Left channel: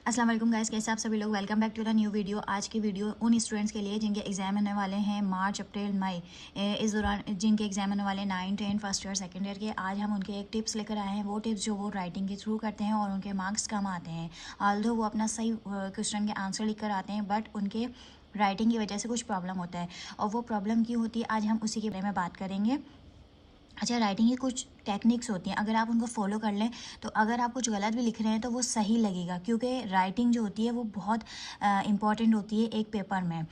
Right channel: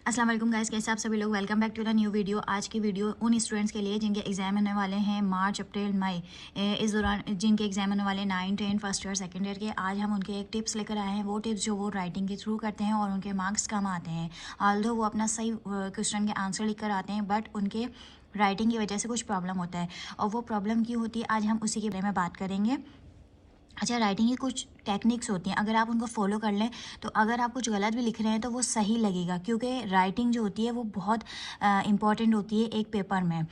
अस्सलाम वालेकुम गाइस, कैसे आप सभी लोग। Welcome back to the new video. आज की वीडियो उन स्टूडेंट्स के लिए जिनके एग्जाम होने वाले हैं मार्च अप्रैल मई, इस दौरान जिनके एग्जाम होने वाले 9, 10 फर्स्ट ईयर सेकेंड ईयर के। आज हम उनके एक टिप्स लेकर आए हैं। वो टिप्स जो वो राइटिंग के थ्रू करते हैं और उनके मार्क्स कम आते हैं। ऑल्दो वो अपना सही क्वेश्चन के आंसर लिख कर आते हैं, बट उनके राइटिंग की वजह से कुछ प्रॉब्लम होता है। और वो प्रॉब्लम क्यों होती है, आज हम उसी के बारे में बात करेंगे। अच्छा, राइटिंग की कुछ टेक्निक्स होती हैं, अगर आप उनको फॉलो कर लें तो अगर आप कुछ गलत भी लिख रहे हैं तो वो सही लगेगा, क्योंकि राइटिंग जो होती है वो बहुत इंपॉर्टेंट होती है एक पेपर में।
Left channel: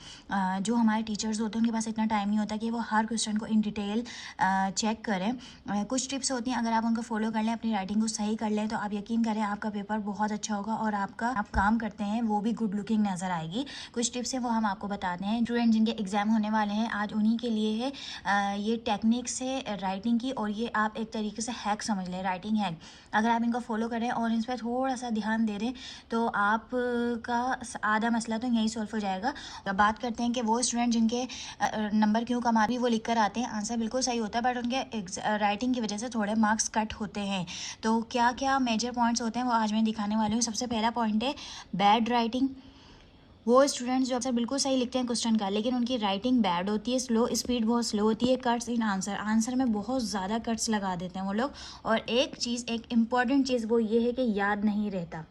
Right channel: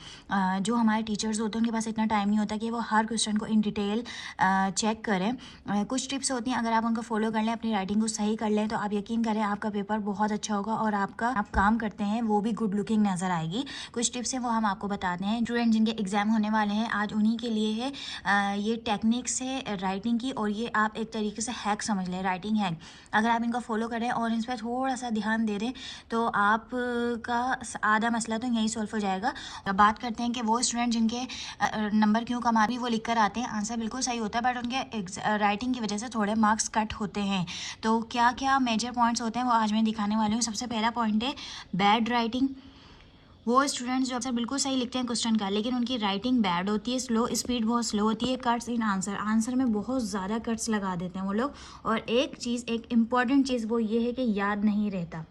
जो हमारे टीचर्स होते हैं उनके पास इतना टाइम नहीं होता कि वो हर क्वेश्चन को इन डिटेल चेक करें। कुछ टिप्स होती हैं, अगर आप उनको फॉलो कर लें, अपनी राइटिंग को सही कर लें, तो आप यकीन करें आपका पेपर बहुत अच्छा होगा और आप काम करते हैं वो भी गुड लुकिंग नज़र आएगी। कुछ टिप्स हैं वो हम आपको बताते हैं। स्टूडेंट जिनके एग्जाम होने वाले हैं आज उन्हीं के लिए है ये टेक्निक्स है राइटिंग की, और ये आप एक तरीके से हैक समझ लें, राइटिंग हैक। अगर आप इनको फॉलो करें और इन पर थोड़ा सा ध्यान दे दें तो आपका आधा मसला तो यही सॉल्व हो जाएगा। अब बात करते हैं कि वो स्टूडेंट जिनके नंबर क्यों कम आते हैं, वो लिख कर आते हैं, आंसर बिल्कुल सही होता है, बट उनके राइटिंग की वजह से थोड़े मार्क्स कट होते हैं। तो क्या क्या मेजर पॉइंट्स होते हैं वो आज मैं दिखाने वाली हूँ। सबसे पहला पॉइंट है बैड राइटिंग। वो स्टूडेंट्स जो अक्सर बिल्कुल सही लिखते हैं क्वेश्चन का, लेकिन उनकी राइटिंग बैड होती है, स्लो, स्पीड बहुत स्लो होती है, कट्स इन आंसर में बहुत ज़्यादा कट्स लगा देते हैं वो लोग। और एक इम्पॉर्टेंट चीज़ वो ये है कि याद नहीं रहता।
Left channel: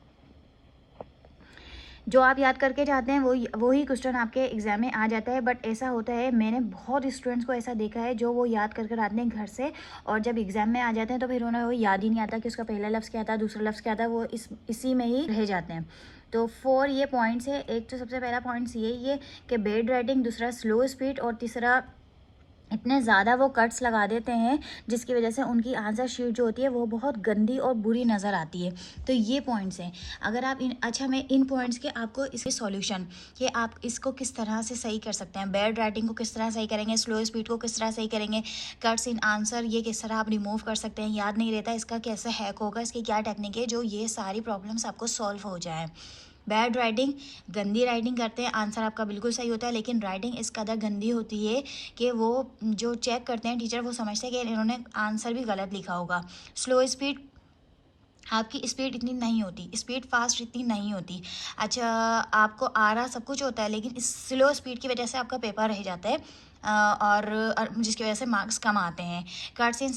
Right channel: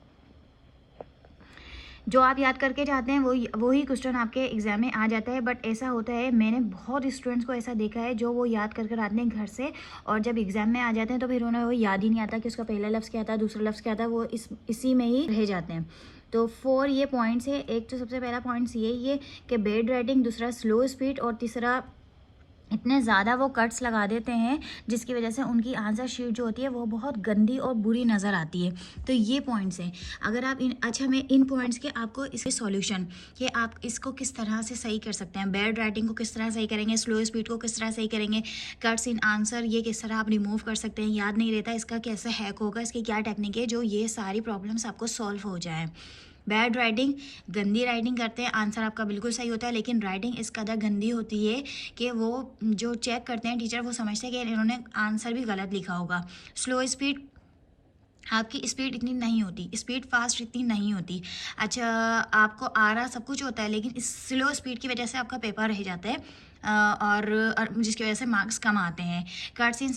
जो आप याद करके जाते हैं वही क्वेश्चन आपके एग्जाम में आ जाता है। बट ऐसा होता है, मैंने बहुत स्टूडेंट्स को ऐसा देखा है जो वो याद कर आते हैं घर से, और जब एग्जाम में आ जाते हैं तो फिर उन्हें वो याद ही नहीं आता कि उसका पहला लफ्ज़ क्या था, दूसरा लफ्ज़ क्या था, वो इसी में ही रह जाते हैं। तो 4 ये पॉइंट्स है। एक तो सबसे पहला पॉइंट्स ये कि बैड राइटिंग, दूसरा स्लो स्पीड, और तीसरा इतने ज़्यादा वो कट्स लगा देते हैं जिसकी वजह से उनकी आंसर शीट जो होती है वो बहुत गंदी और बुरी नज़र आती है। तो ये पॉइंट्स हैं। अगर आप मैं इन पॉइंट्स के आपको इसके सॉल्यूशन कि आप इसको किस तरह से सही कर सकते हैं, बैड राइटिंग को किस तरह सही करेंगे, स्लो स्पीड को किस तरह सही करेंगे, कट्स इन आंसर ये किस तरह आप रिमूव कर सकते हैं, याद नहीं रहता इसका कैसे हैक होगा, इसकी क्या टेक्निक है जो ये सारी प्रॉब्लम्स आपको सॉल्व हो जाए। बैड राइटिंग, गंदी राइटिंग करते हैं, आंसर आपका बिल्कुल सही होता है, लेकिन राइटिंग इस कदर गंदी होती है कि वो जो चेक करते हैं टीचर वो समझते हैं कि इन्होंने आंसर भी गलत लिखा होगा। स्लो स्पीड, आपकी स्पीड इतनी नहीं होती, स्पीड फास्ट इतनी नहीं होती। अच्छा, आपको आ रहा सब कुछ होता है, लेकिन इस स्लो स्पीड की वजह से आपका पेपर रह जाता है और जिसकी वजह से मार्क्स कम आते हैं। कट्स इन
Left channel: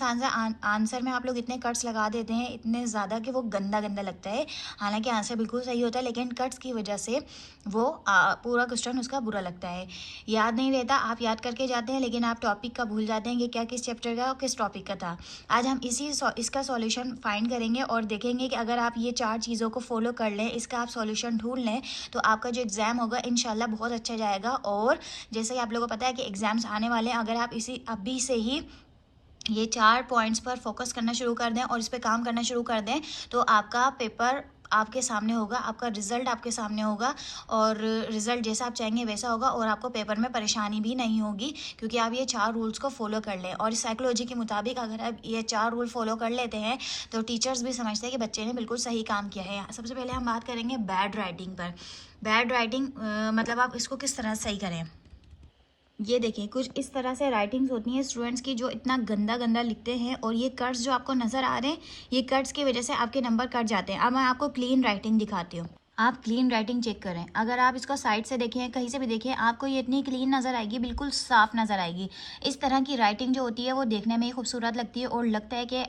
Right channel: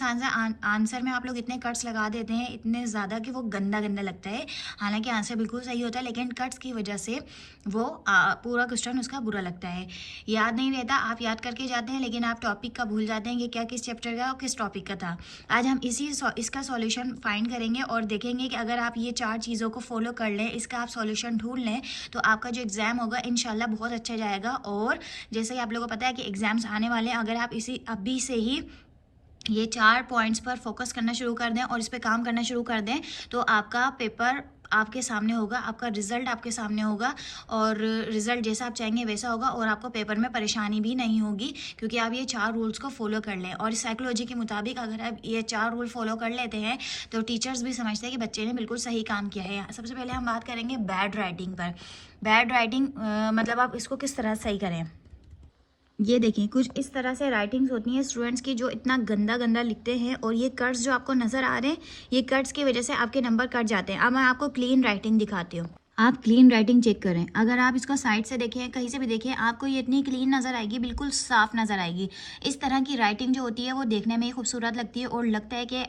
आंसर में आप लोग इतने कट्स लगा देते हैं, इतने ज़्यादा कि वो गंदा गंदा लगता है। हालांकि आंसर बिल्कुल सही होता है, लेकिन कट्स की वजह से वो पूरा क्वेश्चन उसका बुरा लगता है। याद नहीं रहता, आप याद करके जाते हैं लेकिन आप टॉपिक का भूल जाते हैं कि क्या किस चैप्टर का और किस टॉपिक का था। आज हम इसका सॉल्यूशन फाइंड करेंगे और देखेंगे कि अगर आप ये 4 चीज़ों को फॉलो कर लें, इसका आप सॉल्यूशन ढूंढ लें, तो आपका जो एग्ज़ाम होगा इंशाल्लाह बहुत अच्छा जाएगा। और जैसे ही आप लोगों को पता है कि एग्ज़ाम्स आने वाले हैं, अगर आप इसी अभी से ही ये 4 पॉइंट्स पर फोकस करना शुरू कर दें और इस पर काम करना शुरू कर दें, तो आपका पेपर आपके सामने होगा, आपका रिजल्ट आपके सामने होगा, और रिजल्ट जैसा आप चाहेंगे वैसा होगा, और आपको पेपर में परेशानी भी नहीं होगी, क्योंकि आप ये 4 रूल्स को फॉलो कर लें। और साइकोलॉजी के मुताबिक अगर आप ये 4 रूल फॉलो कर लेते हैं तो टीचर्स भी समझते हैं कि बच्चे ने बिल्कुल सही काम किया है। सबसे पहले हम बात करेंगे बैड राइटिंग पर। बैड राइटिंग मतलब आप इसको किस तरह सही करें। ये देखें, कुछ इस तरह से राइटिंग्स होती हैं स्टूडेंट्स की जो इतना गंदा गंदा लिखते हैं, और ये कट्स जो आपको नज़र आ रहे हैं, ये कट्स की वजह से आपके नंबर कट जाते हैं। अब मैं आपको क्लीन राइटिंग दिखाती हूँ। आप क्लीन राइटिंग चेक करें, अगर आप इसको साइड से देखें, कहीं से भी देखें, आपको ये इतनी क्लीन नज़र आएगी, बिल्कुल साफ नज़र आएगी। इस तरह की राइटिंग जो होती है वो देखने में ही खूबसूरत लगती है और लगता है कि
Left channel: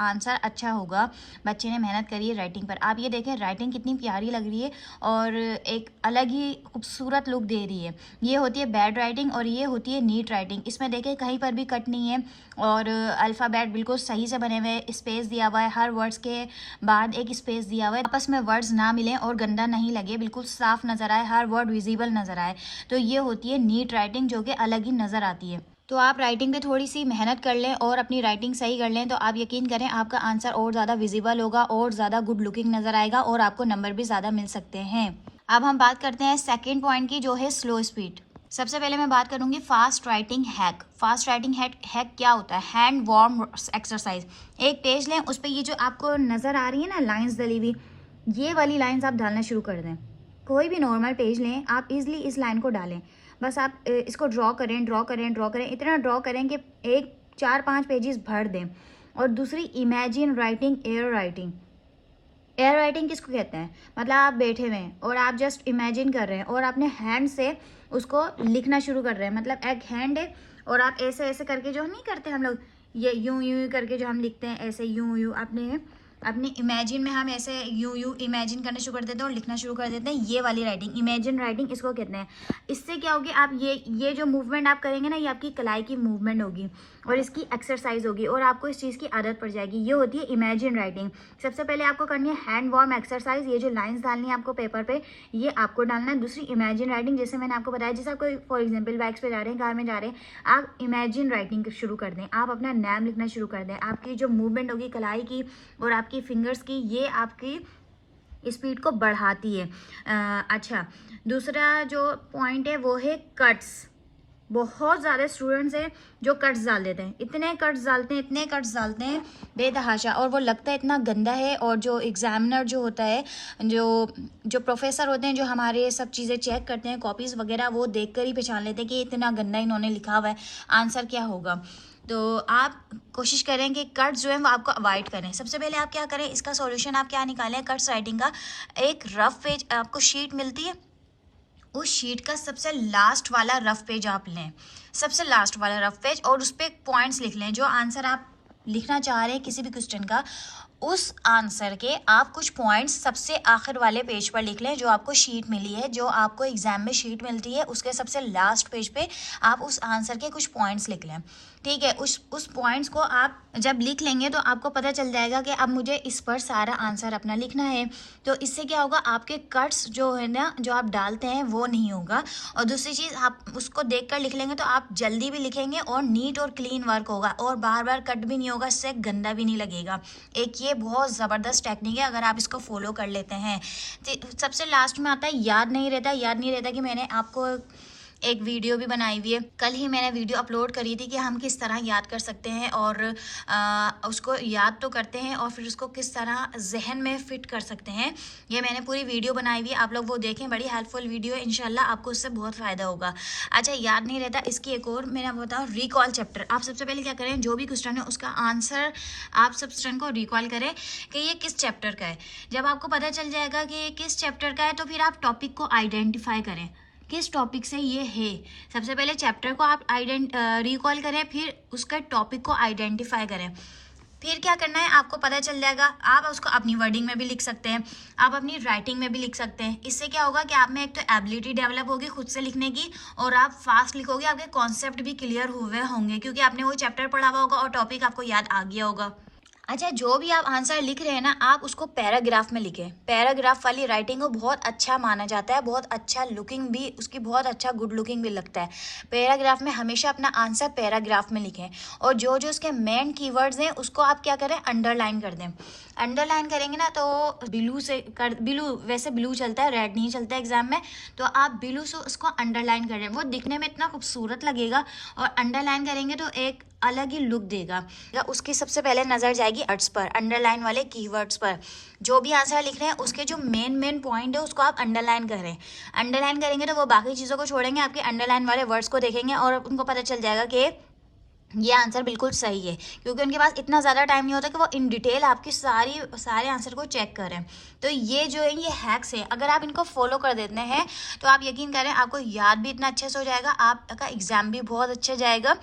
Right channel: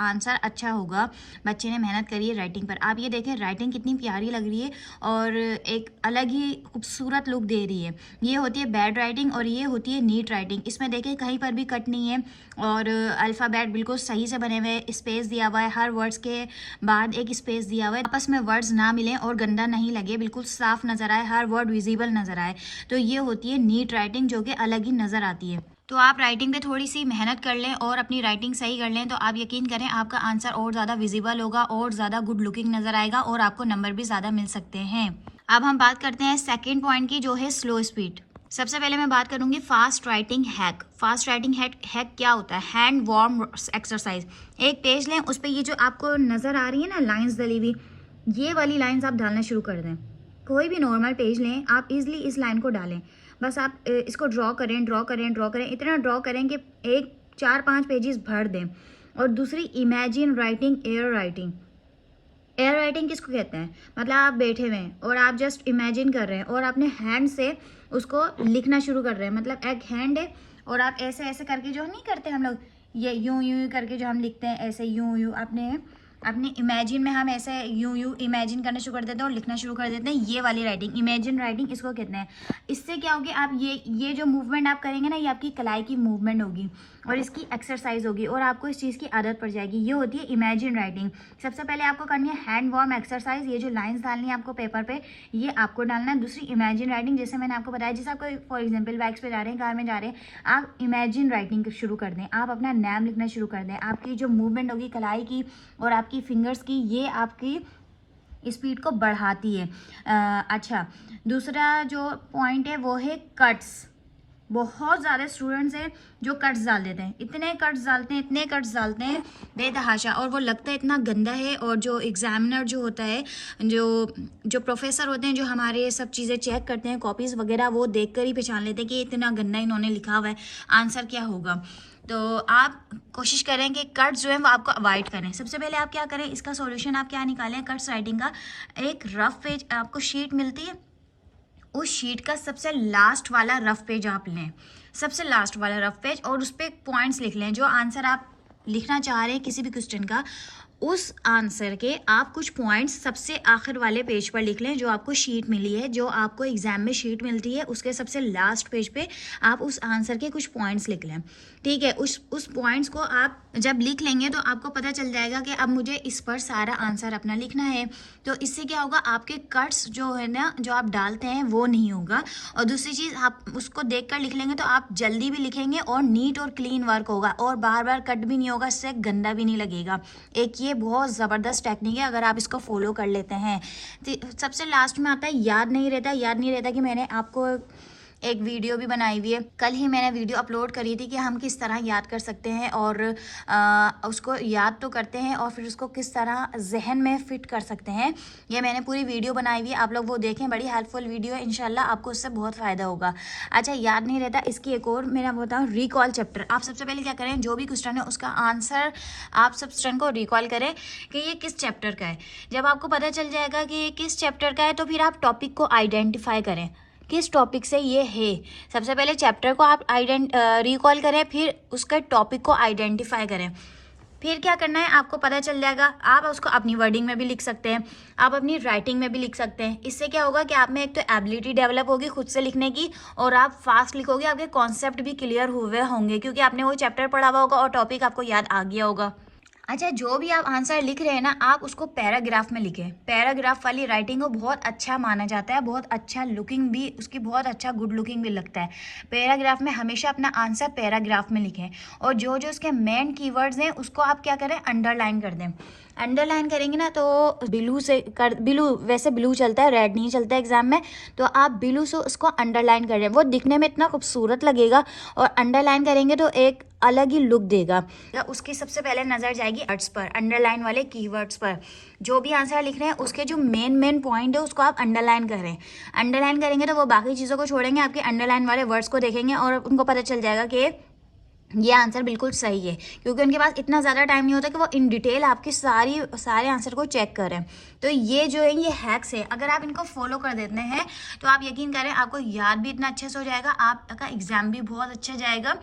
आंसर अच्छा होगा, बच्चे ने मेहनत करी है राइटिंग पर। आप ये देखें राइटिंग कितनी प्यारी लग रही है और एक अलग ही खूबसूरत लुक दे रही है। ये होती है बैड राइटिंग और ये होती है नीट राइटिंग। इसमें देखें कहीं पर भी कट नहीं है और अल्फ़ाबेट बिल्कुल सही से बने हुए, स्पेस दिया हुआ है, हर वर्ड्स के बाद एक स्पेस दिया हुआ है, आपस में वर्ड्स ना मिलें और गंदा नहीं लगे, बिल्कुल साफ नज़र आए, हर वर्ड विजिबल नज़र आए। तो ये होती है नीट राइटिंग जो कि अलग ही नज़र आती है। तो आप राइटिंग पे थोड़ी सी मेहनत कर लें और अपनी राइटिंग सही कर लें, तो आप यकीन करें आपका आंसर और ज़्यादा विजिबल होगा और ज़्यादा गुड लुकिंग नज़र आएगा और आपको नंबर भी ज़्यादा मिल सकते हैं। अब हम बात करते हैं सेकेंड पॉइंट की, जो है स्लो स्पीड। सबसे पहले मैं बात करूंगी fast writing hack. Fast writing hack क्या होता है? Hand warm exercise. एक पेज लें, उस पर ये जो आपको नज़र आ रही है ना लाइन्स डली हुई, ये वाली लाइन्स आप डालना शुरू कर दें। कोई भी नॉर्मल पेज लें, आप इजली इस लाइन को डालें। बस आप इसको ड्रॉ करें, इतना ड्रॉ करें कि 4-5 पेजेस भर दें। और दूसरी, imagine writing air writing. Air writing किसको कहते हैं? मतलब आप बैठे हुए हैं और आप जस्ट इमेजिन कर रहे हैं और अपने हैंड से उसको लिखना शुरू कर रहे हैं। मतलब एक हैंड है और आप ऐसे ऐसे करके, जो नहीं करते हम लोग, ये यूं यूं करके जो हम लिखते हैं, ऐसे यूं यूं अपने अपनी इमेजिन में हम ऐसे यूं यूं इमेजिन करना शुरू कर देते हैं और लिखना शुरू कर देते हैं। ये वाली राइटिंग इमेजिन राइटिंग इसको कहते हैं। इससे क्या होगी, आप ये जो मूवमेंट आप करेंगे ना, ये आपकी कलाई की मूवमेंट होगी और इसकी एक्सरसाइज होगी और आपको इस चीज़ की आदत पड़ जाएगी। ये होती है इमेजिन राइटिंग। सबसे पहले आपको करनी है हैंड वार्म एक्सरसाइज। ये जो लाइंस डालनी है आपको पेपर पे, ये आपको डालना है। दूसरी इमेजिन राइटिंग, जैसे मैंने आपको बताया, जैसे आपको फॉर एग्जाम्पल बाइक्स पे जा रहे हैं, कार में जा रहे हैं, आप इमेजिन राइटिंग शुरू कर दें, आप अपना नाम लिखना शुरू कर दें। आपकी जो मूवमेंट होगी कलाई की और आपकी फिंगर्स की, ये आपकी स्पीड को बढ़ाती है। अच्छा, दूसरा जो पॉइंट है वो है कट्स। बहुत ज़्यादा स्टूडेंट्स हैं जो कट्स डाल देते हैं, इतने कट्स डालते हैं, इतने कट्स डालते हैं बेतहाशा, और वो लगता है इतना गंदा है। और जो एग्जामिनर जो होता है, जो प्रोफेसर होते हैं, जो हमारे सब चीज़ें चेक करते हैं, कॉपीज़ वगैरह, वो देख कर ही पहचान लेते हैं कि इतना गंदा इन्होंने लिखा हुआ है, आंसर क्या होगा। तो आप कोशिश करें कि कट्स जो है वो आपको अवॉइड करें। सबसे पहले आप क्या करें, इसका सॉल्यूशन आप क्या निकालें कट्स राइटिंग का। एक रफ पेज आपको शीट मिलती है, उस शीट का सबसे लास्ट वाला रफ पेज आप लें, सबसे लास्ट वाला रफ पेज, और उस पर पॉइंट्स लिख लें। जो आंसर आप लिखना चाह रहे हैं किसी भी क्वेश्चन का, उस आंसर के आप कुछ पॉइंट्स सबसे आखिर वाले पेज पर लिख लें। जो आपको शीट मिली है, जो आपको एग्जाम में शीट मिलती है, उसके सबसे लास्ट पेज पे आप उस आंसर के कुछ पॉइंट्स लिख लें। ठीक है, उस पॉइंट्स को आप जब लिख लेंगे तो आपको पता चल जाएगा कि अब मुझे इस पर सारा आंसर अपना लिखना है। तो इससे क्या होगा, आपके कट्स जो है ना, जो आप डालते हैं, वो नहीं होगा। और दूसरी चीज़, आप उसको देख कर लिख लेंगे तो आप जल्दी भी लिखेंगे और नीट और क्लीन वर्क होगा, और बार बार कट भी नहीं होगा, इससे गंदा भी नहीं लगेगा। एक ये बहुत ज़बरदस्त टेक्निक है, अगर आप इसको फॉलो कर लेते हैं। सबसे लास्ट में आता है याद नहीं रहता कि मैंने आपको एक वीडियो भी बनाई हुई है, कल ही मैंने वीडियो अपलोड करी थी कि हम किस तरह याद कर सकते हैं, और उसको याद तो करते हैं और फिर उसको किस तरह जहन में फिट कर सकते हैं। ये मैंने पूरी वीडियो बनाई हुई है, आप लोग वो देखें, बड़ी हेल्पफुल वीडियो है, इंशाल्लाह आपको उससे बहुत फ़ायदा होगा। अच्छा, याद नहीं रहता, इसकी एक और मैं बताऊँ, रिकॉल चैप्टर। आप सबसे पहले क्या करें, जो भी क्वेश्चन है उसका आंसर आप सब क्वेश्चन को रिकॉल करें कि ये किस चैप्टर का है। जब आपको पता चल जाएगा कि ये किस चैप्टर का है, तो फिर आप टॉपिक को आइडेंटिफाई करें किस टॉपिक से ये है। सबसे पहले चैप्टर को आप रिकॉल करें, फिर उसके टॉपिक को आइडेंटिफाई करें। फिर क्या करना है, आपको पता चल जाएगा। आप उसको अपनी वर्डिंग में भी लिख सकते हैं, आप अपनी राइटिंग में भी लिख सकते हैं। इससे क्या होगा कि आप में एक तो एबिलिटी डेवलप होगी खुद से लिखने की, और आप फास्ट लिखोगे, आपके कॉन्सेप्ट भी क्लियर हुए होंगे क्योंकि आपने वो चैप्टर पढ़ा हुआ होगा और टॉपिक आपको याद आ गया होगा। अच्छा, जो भी आप आंसर लिख रहे हैं ना, आप उसको पैराग्राफ में लिखें। पैराग्राफ वाली राइटिंग को बहुत अच्छा माना जाता है, बहुत अच्छा लुकिंग भी, उसकी बहुत अच्छा गुड लुकिंग भी लगता है। पैराग्राफ में हमेशा अपना आंसर पैराग्राफ में लिखें, और जो जो उसके मेन कीवर्ड्स हैं उसको आप क्या करें, अंडरलाइन कर दें। अंडरलाइन करेंगे ना तो ब्लू, वैसे ब्लू चलता है, रेड नहीं चलता एग्जाम में, तो आप ब्लू से उसको अंडरलाइन कर रहे हैं, वो दिखने में इतना खूबसूरत लगेगा, और अंडरलाइन करेंगे तो एक अलग ही लुक देगा। उसकी सबसे पहले नज़र जाएगी वर्ड्स पर, अंडरलाइन वाले कीवर्ड्स पर। जो भी आंसर लिख रहे हैं उसके जो मेन पॉइंट है उसको आप अंडरलाइन करें। अंडरलाइन करेंगे तो वो बाकी चीज़ों को छोड़ेंगे, आपके अंडरलाइन वाले वर्ड्स को देखेंगे और उनको पता चल जाएगा कि ये आंसर बिल्कुल सही है, क्योंकि उनके पास इतना ज़्यादा टाइम नहीं होता कि वो इन डिटेल आपकी सारे आंसर को चेक करें। तो ये जो है, ये हैक्स है, अगर आप इनको फॉलो कर देते हैं तो आप यकीन करें आपको याद भी इतना अच्छे से हो जाएगा, आपका एग्ज़ाम भी बहुत अच्छा जाएगा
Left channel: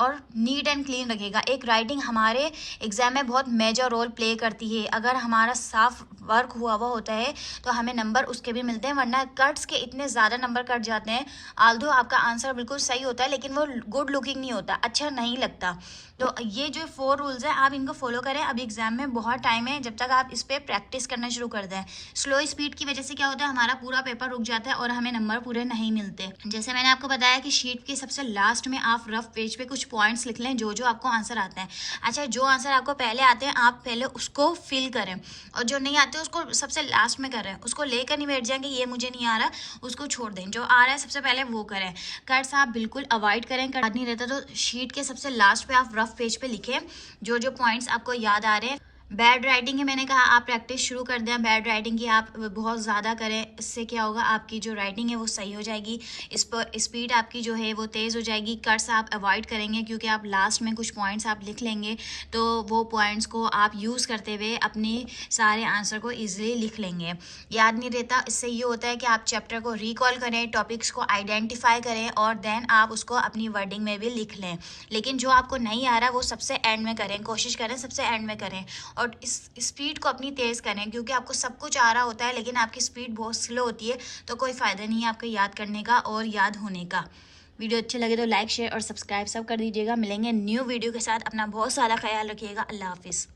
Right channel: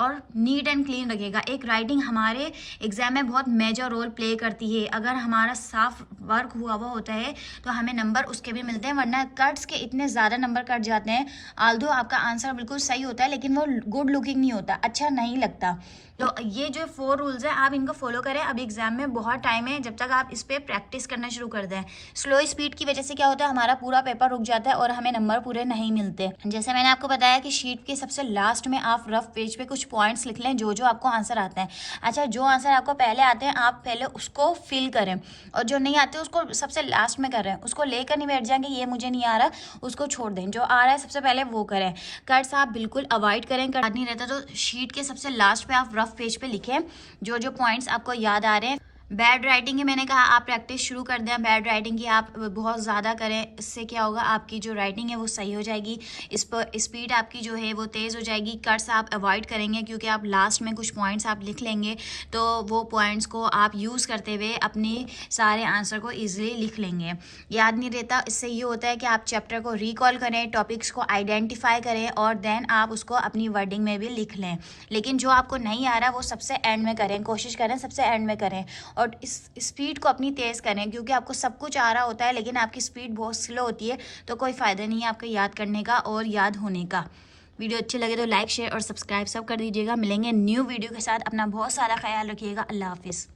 और नीट एंड क्लीन लगेगा। एक राइटिंग हमारे एग्ज़ाम में बहुत मेजर रोल प्ले करती है। अगर हमारा साफ वर्क हुआ होता है तो हमें नंबर उसके भी मिलते हैं, वरना कट्स के इतने ज़्यादा नंबर कट जाते हैं। आल्दो आपका आंसर बिल्कुल सही होता है, लेकिन वो गुड लुकिंग नहीं होता, अच्छा नहीं लगता। तो ये जो 4 रूल्स हैं, आप इनको फॉलो करें। अब एग्जाम में बहुत टाइम है, जब तक आप इस पर प्रैक्टिस करना शुरू कर दें। स्लो स्पीड की वजह से क्या होता है, हमारा पूरा पेपर रुक जाता है और हमें नंबर पूरे नहीं मिलते। जैसे मैंने आपको बताया कि शीट के सबसे लास्ट में आप रफ पेज पे कुछ पॉइंट्स लिख लें, जो जो आपको आंसर आता है। अच्छा, जो आंसर आपको पहले आते हैं आप पहले उसको फिल करें, और जो नहीं आते उसको सबसे लास्ट में करें। उसको लेकर नहीं बैठ जाएंगे ये मुझे नहीं आ रहा, उसको छोड़ दें, जो आ रहा है सबसे पहले वो करें। कट्स आप बिल्कुल अवॉइड करें, नहीं रहता तो शीट के सबसे लास्ट पे आप रफ पेज पे लिखें जो जो पॉइंट्स आपको याद आ रहे हैं। बैड राइटिंग की मैंने कहा आप प्रैक्टिस शुरू कर दें बैड राइटिंग की, आप बहुत ज़्यादा करें, इससे क्या होगा आपकी जो राइटिंग है वो सही हो जाएगी, इस पर स्पीड आपकी जो है वो तेज़ हो जाएगी, कट्स आप अवॉइड करेंगे क्योंकि आप लास्ट में कुछ पॉइंट्स आप लिख लेंगे तो वो पॉइंट्स को आप यूज़ करते हुए अपने सारे आंसर को ईजिली लिख लेंगे। याद नहीं रहता, इससे ये होता है कि आप चैप्टर को रिकॉल करें, टॉपिक्स को आइडेंटिफाई करें और देन आप उसको अपनी वर्डिंग में भी लिख लें। लेकिन जो आपको नहीं आ रहा वो सबसे एंड में करें, कोशिश करें सबसे एंड में करें और इस स्पीड को अपनी तेज़ करें क्योंकि आपको सब कुछ आ रहा होता है लेकिन आपकी स्पीड बहुत स्लो होती है तो कोई फ़ायदा नहीं है आपको याद करने का और याद होने का। वीडियो अच्छे लगे तो लाइक शेयर और सब्सक्राइब सब कर दीजिएगा। मिलेंगे न्यू वीडियो के साथ, अपना बहुत सारा ख्याल रखिएगा। अल्लाह हाफिज़।